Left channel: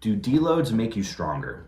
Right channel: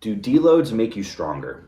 Do deloads make you stronger?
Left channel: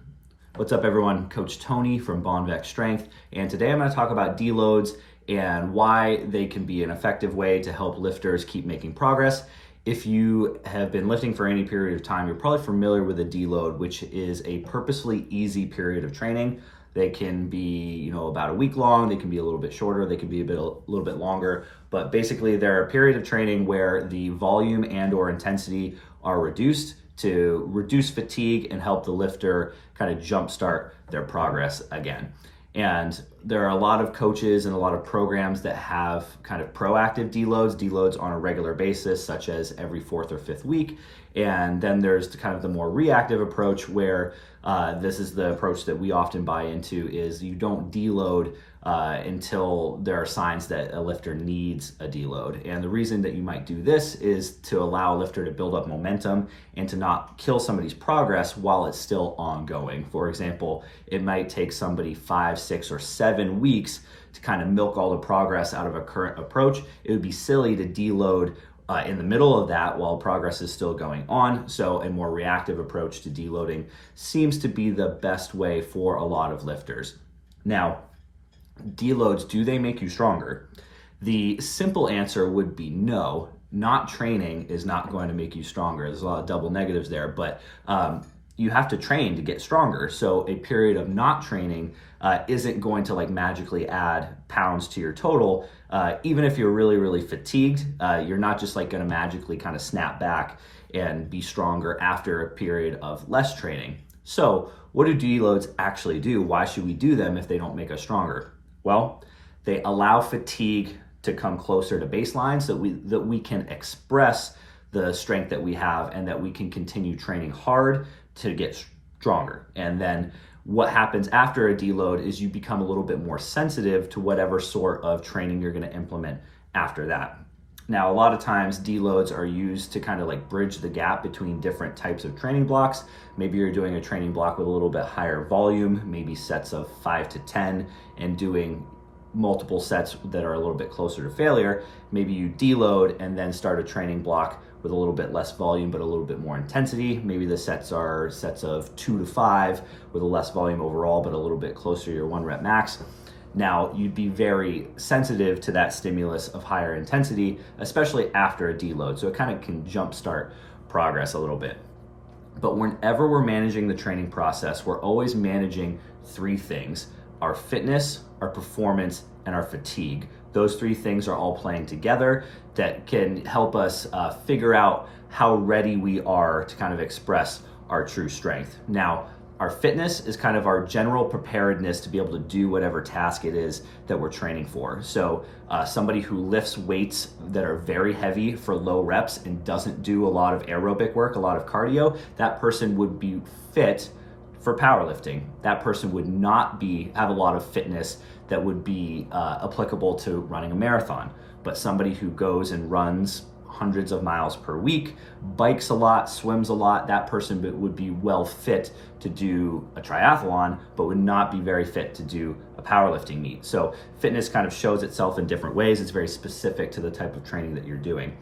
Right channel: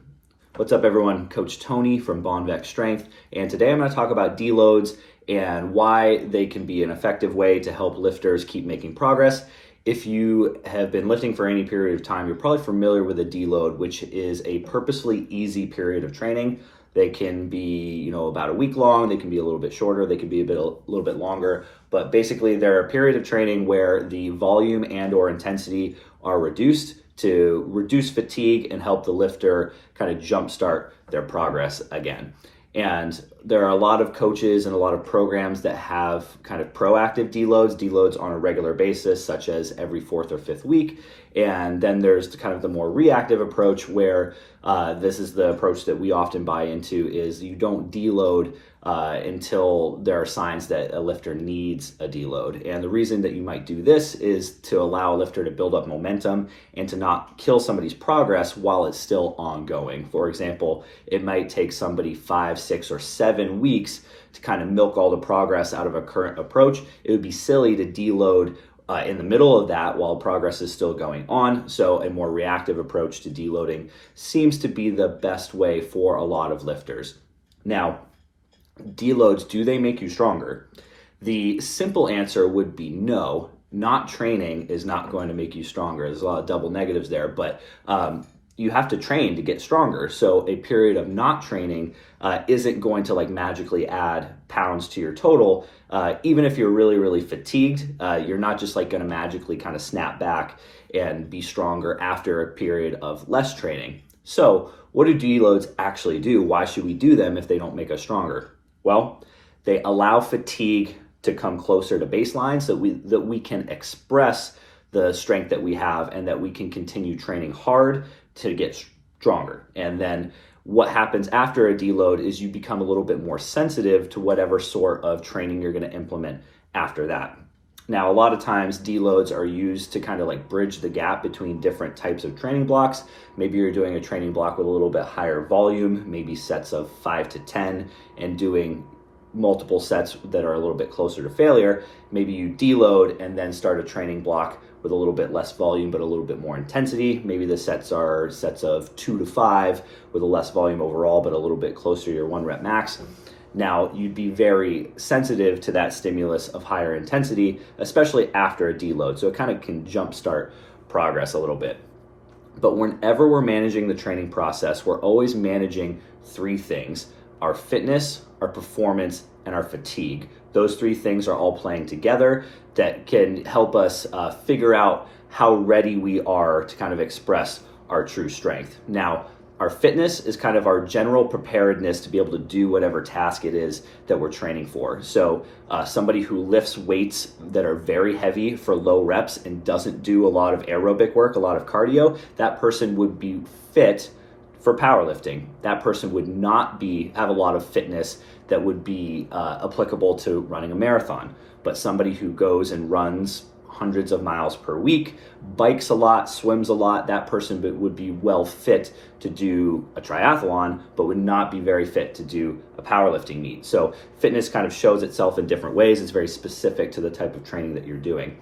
What's up, everyone? Coach Tony from Bonvec Strength, and today I'm going to talk about deloads and why they can be an effective way to help lifters keep making progress. If you have been lifting for any period of time, you're probably familiar with a deload, which is a purposefully easy period of training. They can be, about a week long. They can be a little bit shorter. They can be a little bit longer. But basically, they're a period of training where the volume and/or intensity are reduced to reduce fatigue and help the lifter kind of jumpstart their progress again. And there are a lot of coaches and a lot of programs that have kind of proactive deloads on a regular basis, such as every fourth or fifth week. And then there's kind of the more reactive approach where this is the approach that we often buy into, is you don't deload until there are signs that a lifter needs a deload. And the reason that you might do this is to allow a lifter to build up momentum and to not kill somebody's progress while it's still ongoing. For example, it might take somebody 5, 6, or 7 weeks to kind of milk all the progress out of a current approach. It would be silly to deload in the middle of that while progress is still going on. So a more reactive approach to deloading seems to be the best way for a lot of lifters. Now, deloads, do they make you stronger? The simple answer would be no. Not training is not going to make you stronger. There's a lot of double negatives there, but you have to train to get stronger. So a period of not training isn't going to magically add pounds to your total. Even if you're really, really fatigued, you're not just going to magically kind of snap back and be stronger after a period of less training. So what do deloads actually do? Why should we do them if they don't make us stronger? Well, they allow fatigue to come closer to baseline so that we can express the strength that we have and that we can continue training hard to get stronger. And then what happens after a deload is you become a little bit more sensitive to whatever sort of training you're going to implement after that. Now, a lot of times deloads are used to kind of bridge the gap between different types of training blocks. Maybe you're doing a training block with a little bit higher volume, maybe sets of 5 to 10, and doing multiple sets that are a little bit closer to failure. Maybe you deload and then start a training block with a little bit less volume but a little bit more intensity. Maybe the sets are sets of 2 to 5 with a less volume overall but a little bit closer to your 1 rep max. Now, you'd be very sensitive to that stimulus of higher intensity, especially after a deload. So it kind of can jumpstart progress a little bit. But whenever we're managing the training process, we're always managing 3 things: our fitness, our performance, and our fatigue. Those 3 things are all playing together that can help us figure out how ready we are to kind of express our true strength. Now, our fitness is kind of our general preparedness to be able to do whatever task it is that we're training for. So somebody who lifts weights that are very heavy for low reps and doesn't do a lot of aerobic work, a lot of cardio, that person would be fit for powerlifting. That person would not have a lot of fitness that would be applicable to running a marathon. But somebody who goes and runs hundreds of miles per week, bikes a lot, swims a lot, that person would be well fit to do a triathlon, but would not be very fit to do a powerlifting meet. So fitness kind of shows itself in different ways. It's very specific to the type of training that you're doing.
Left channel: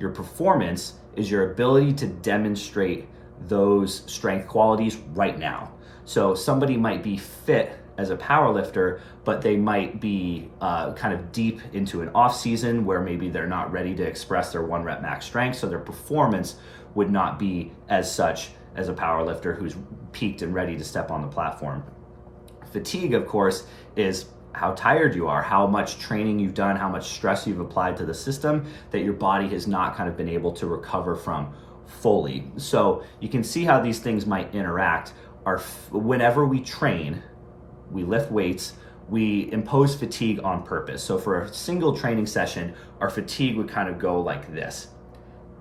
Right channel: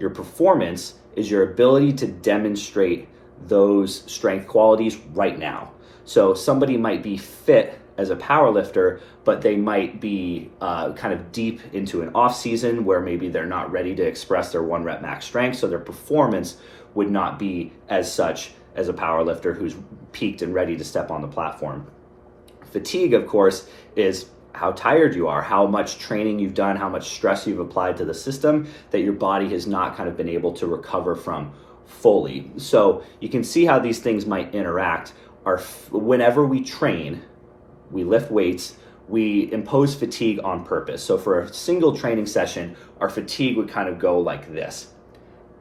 Your performance is your ability to demonstrate those strength qualities right now. So somebody might be fit as a powerlifter, but they might be kind of deep into an off season where maybe they're not ready to express their 1 rep max strength. So their performance would not be as such as a powerlifter who's peaked and ready to step on the platform. Fatigue, of course, is how tired you are, how much training you've done, how much stress you've applied to the system that your body has not kind of been able to recover from fully. So you can see how these things might interact. Whenever we train, we lift weights, we impose fatigue on purpose. So for a single training session, our fatigue would kind of go like this.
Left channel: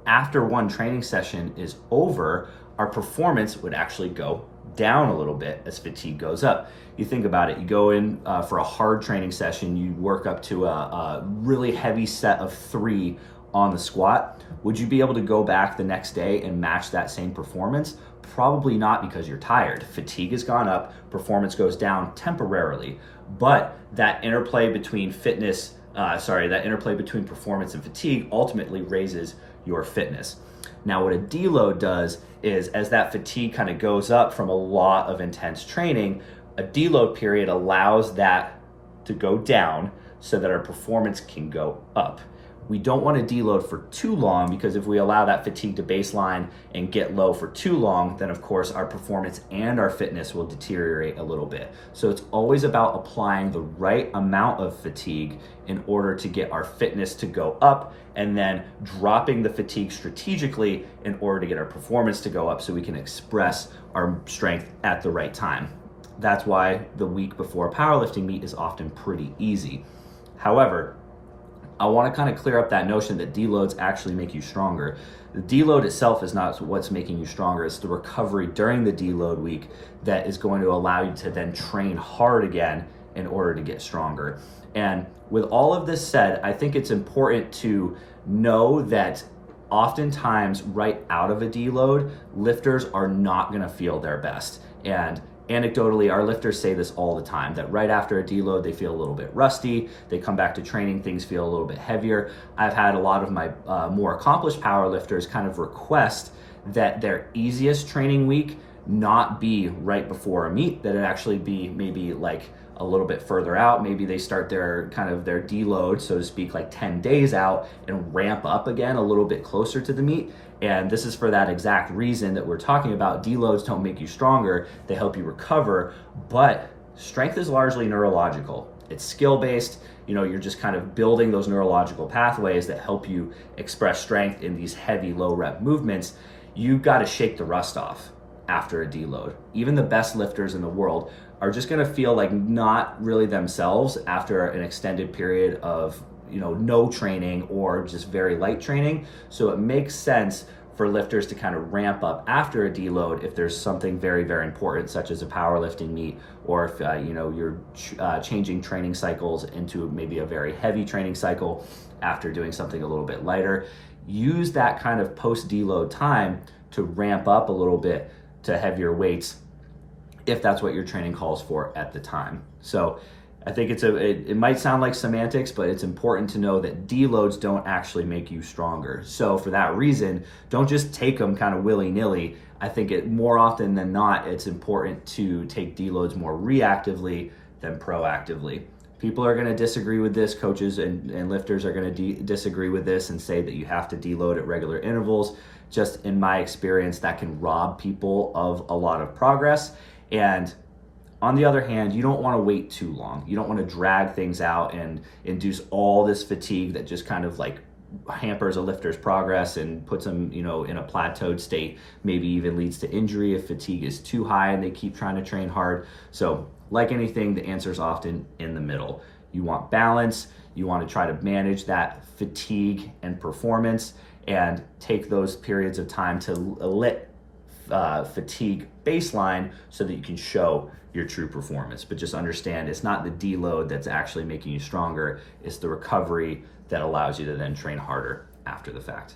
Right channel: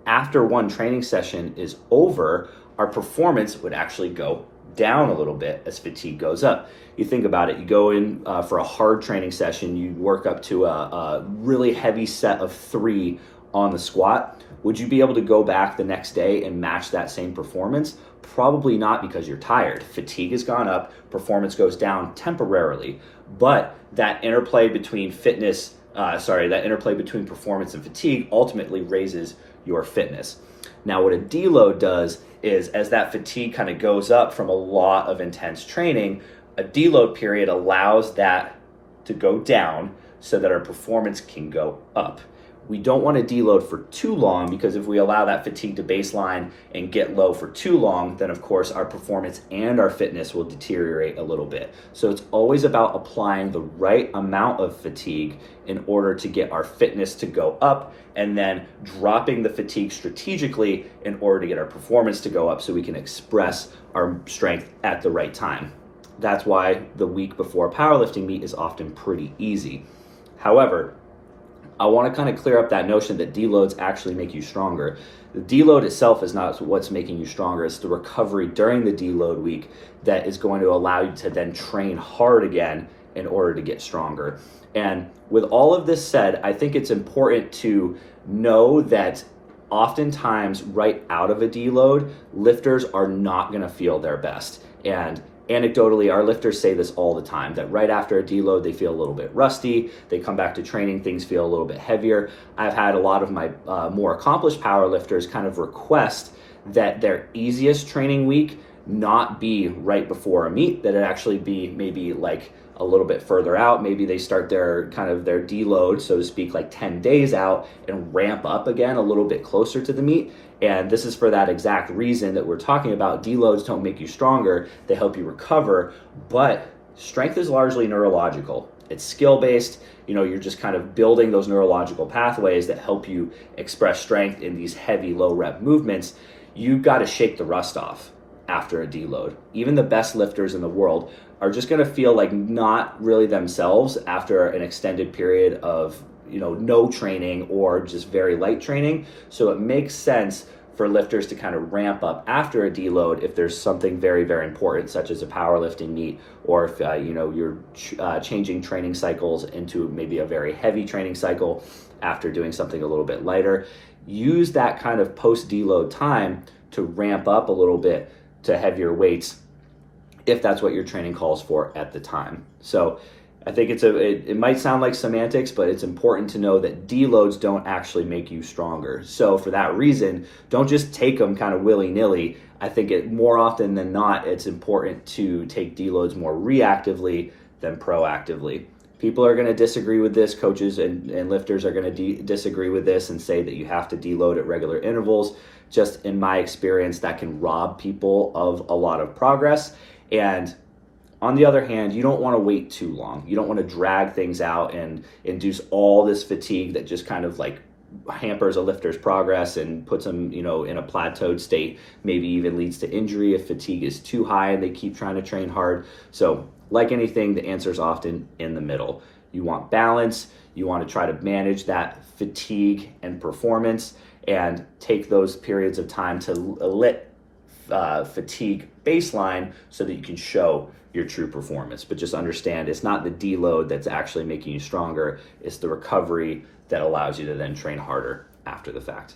After one training session is over, our performance would actually go down a little bit as fatigue goes up. You think about it, you go in for a hard training session, you work up to a really heavy set of 3 on the squat. Would you be able to go back the next day and match that same performance? Probably not, because you're tired. Fatigue has gone up, performance goes down temporarily, but that interplay between performance and fatigue ultimately raises your fitness. Now, what a deload does is as that fatigue kind of goes up from a lot of intense training, a deload period allows that to go down so that our performance can go up. We don't want to deload for too long, because if we allow that fatigue to baseline and get low for too long, then of course our performance and our fitness will deteriorate a little bit. So it's always about applying the right amount of fatigue in order to get our fitness to go up, and then dropping the fatigue strategically in order to get our performance to go up so we can express our strength at the right time. That's why the week before a powerlifting meet is often pretty easy. However, I want to kind of clear up that notion that deloads actually make you stronger. The deload itself is not what's making you stronger. It's the recovery during the deload week that is going to allow you to then train hard again in order to get stronger. And with all of this said, I think it's important to know that oftentimes right out of a deload, lifters are not going to feel their best. And anecdotally, our lifters say this all the time, that right after a deload, they feel a little bit rusty. They come back to training, things feel a little bit heavier. I've had a lot of my more accomplished power lifters kind of request that their easiest training week not be right before a meet, that it actually be maybe like a little bit further out. Maybe they start their deload, so to speak, like 10 days out and ramp up again a little bit closer to the meet. And this is for that exact reason that we're talking about. Deloads don't make you stronger, they help you recover, but strength is largely neurological. It's skill-based. You're just kind of building those neurological pathways that help you express strength in these heavy low rep movements. You've got to shake the rust off after a deload. Even the best lifters in the world are just going to feel like not really themselves after an extended period of no training or just very light training. So it makes sense for lifters to kind of ramp up after a deload if there's something very, very important, such as a powerlifting meet, or if you're changing training cycles into maybe a very heavy training cycle after doing something a little bit lighter. Use that kind of post-deload time to ramp up a little bit to heavier weights if that's what your training calls for at the time. So I think it might sound like semantics, but it's important to know that deloads don't actually make you stronger. So for that reason, don't just take them kind of willy-nilly. I think more often than not, it's important to take deloads more reactively than proactively. People are going to disagree with this. Coaches and lifters are going to disagree with this and say that you have to deload at regular intervals. Just in my experience, that can rob people of a lot of progress. And on the other hand, you don't want to wait too long. You don't want to drag things out and induce all this fatigue that just kind of like hampers a lifter's progress and puts them, in a plateaued state, maybe even leads to injury if fatigue is too high and they keep trying to train hard. So like anything, the answer is often in the middle. You want balance. You want to try to manage that fatigue and performance and take those periods of time to let fatigue baseline so that you can show your true performance. But just understand, it's not the deload that's actually making you stronger. It's the recovery that allows you to then train harder after the fact.